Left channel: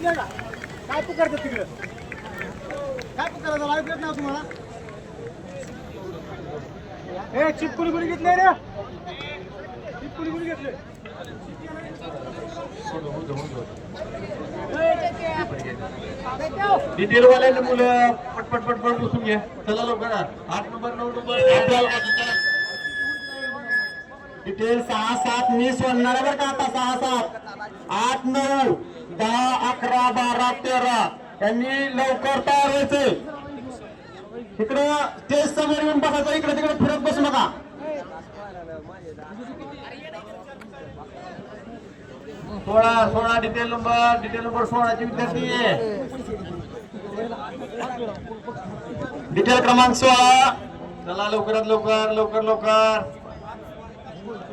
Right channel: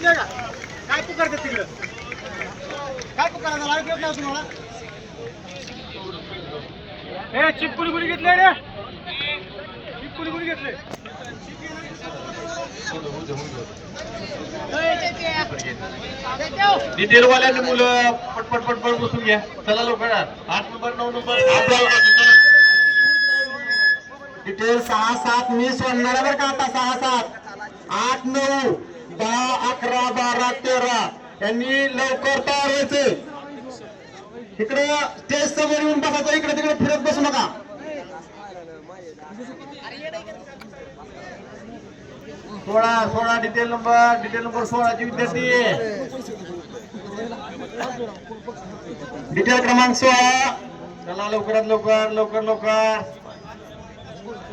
बघितलं का काय पुकारते तिकडं काय पुकारायचं लाईट येत नाही तुम्हाला हे चिप कुणी घेतले रे चिप कुणी घेतले डिटेलवाल्याने मुलं पटपट पटपट बसून घ्या चला लवकर 8 नंबर 9 नंबर डिटेल 6 7 मी सोडणार बरं का आता 6 7 8 9 10 11 12 13 यांनी लवकर तयार व्हायचे इकडे स्टेज समोर येऊन बसायचं इकडे तिकडे फिरत बसू नका सोळा डिटेल नंबर 16 चे विद्यार्थी डिटेल क्रमांक 16 चला लवकरात लवकर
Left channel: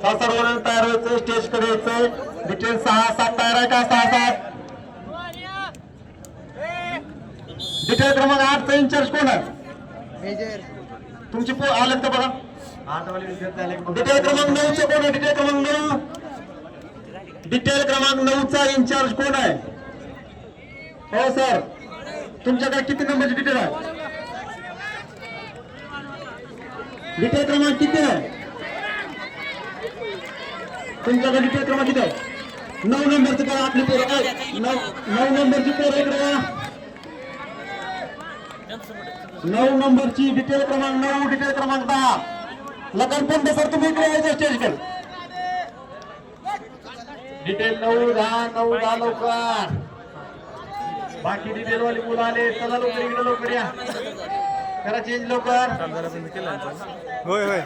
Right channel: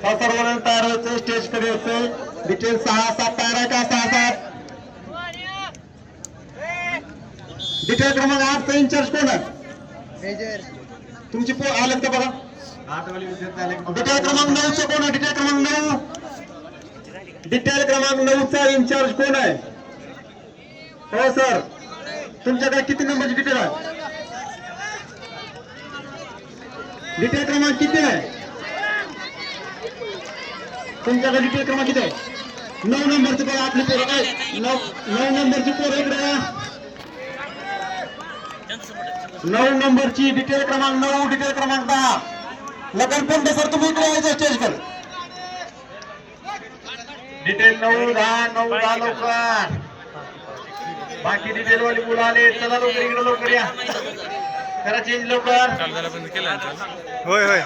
सर्वांना तयार व्हायचं स्टेज कडे यायचं डिटेल 6 7 तयार आहे का 6 7 डिटेल क्रमांक 8 चा इंचार्ज कोण आहे तुमची आलेत का बघा 8 वाले विद्यार्थी आले डिटेल क्रमांक 9 चे कोण आहे डिटेल क्रमांक 9 चा इंचार्ज कोण आहे हो सर तुमच्याकडे किती नंबरची डिटेल आहे डिटेल क्रमांक किती आहे तुमच्याकडे डिटेल क्रमांक किती आहे 9 नंबरची बघा आपली पोरं आहे 9 नंबरची पोरं इकडे 9 नंबरची डिटेल क्रमांक 9 डिटेल क्रमांक 10 लगन पेंडे सर तुम्ही इकडे यायचे स्टेज कडे डिटेल 9 10 लवकर बाकी डिटेल वाली मुलं आले चला लवकर इकडे लवकर या करा चेंज लवकर होय होय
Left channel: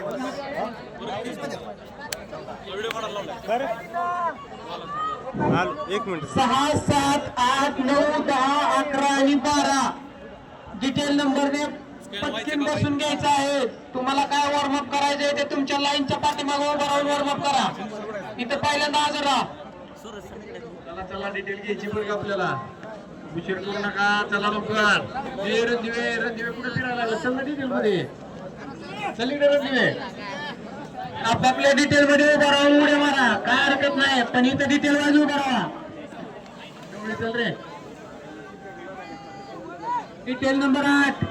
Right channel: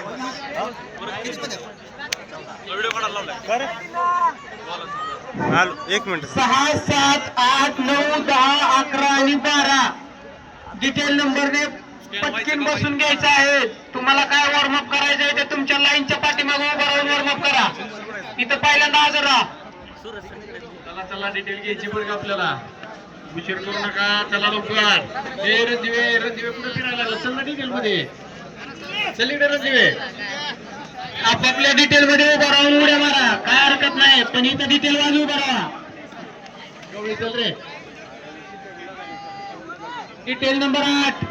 आलो 1 मिनिट 6 7 8 9 10 11 आणि 12 डिटेल नंबरने पटकन बसून घ्यायचं आहे तुम्हाला काय वॉर्मअप करायचं आहे ते तुमच्या लाईनच्या पाठीमागे उभं राहून वॉर्मअप करा इथं पहिल्यांदा हजर राहा चला डिटेल घ्यायची बघ आपल्याला उशीर करू नका चला लवकर हे रणदिवे कुठे फिरायला लागला चल ना डिटेल मध्ये चल इकडे रणदिवे आपापल्या डिटेल मध्ये उभा राहून उड्या मारा काय हरकत नाही पण इथं डिटेल वाली उभा राहा चल रे डिटेल नंबर 8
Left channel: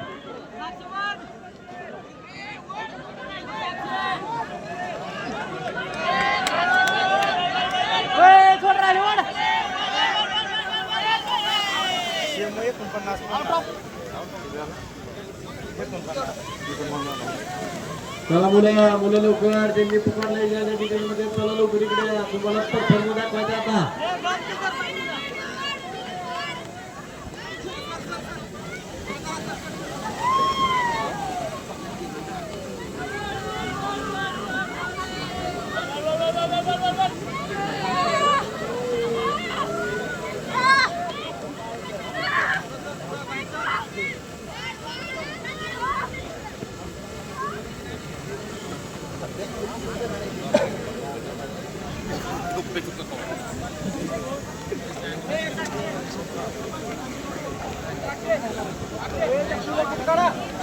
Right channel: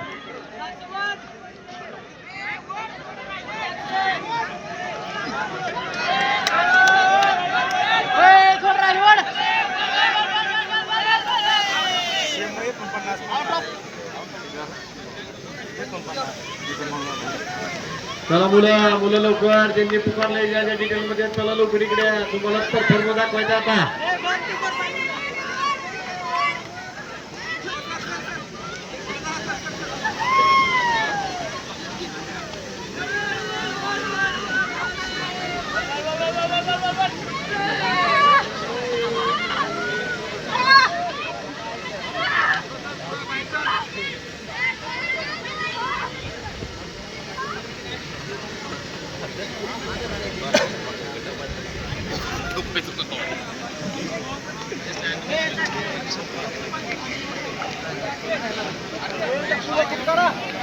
चला मुलं लवकर ज्यांनी पुकारले ज्या डिटेल मध्ये चला लवकर इकडे तुम्हाला परफॉर्म दाखवायचा आता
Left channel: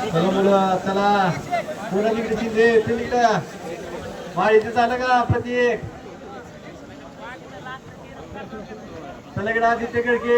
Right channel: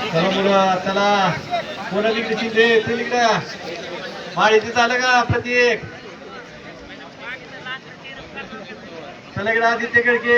चला मुलं चला मुलं तिकडे चिंदे तिकडे माळीचे झालं का प्रत्येक चला इकडे आदित्य कडके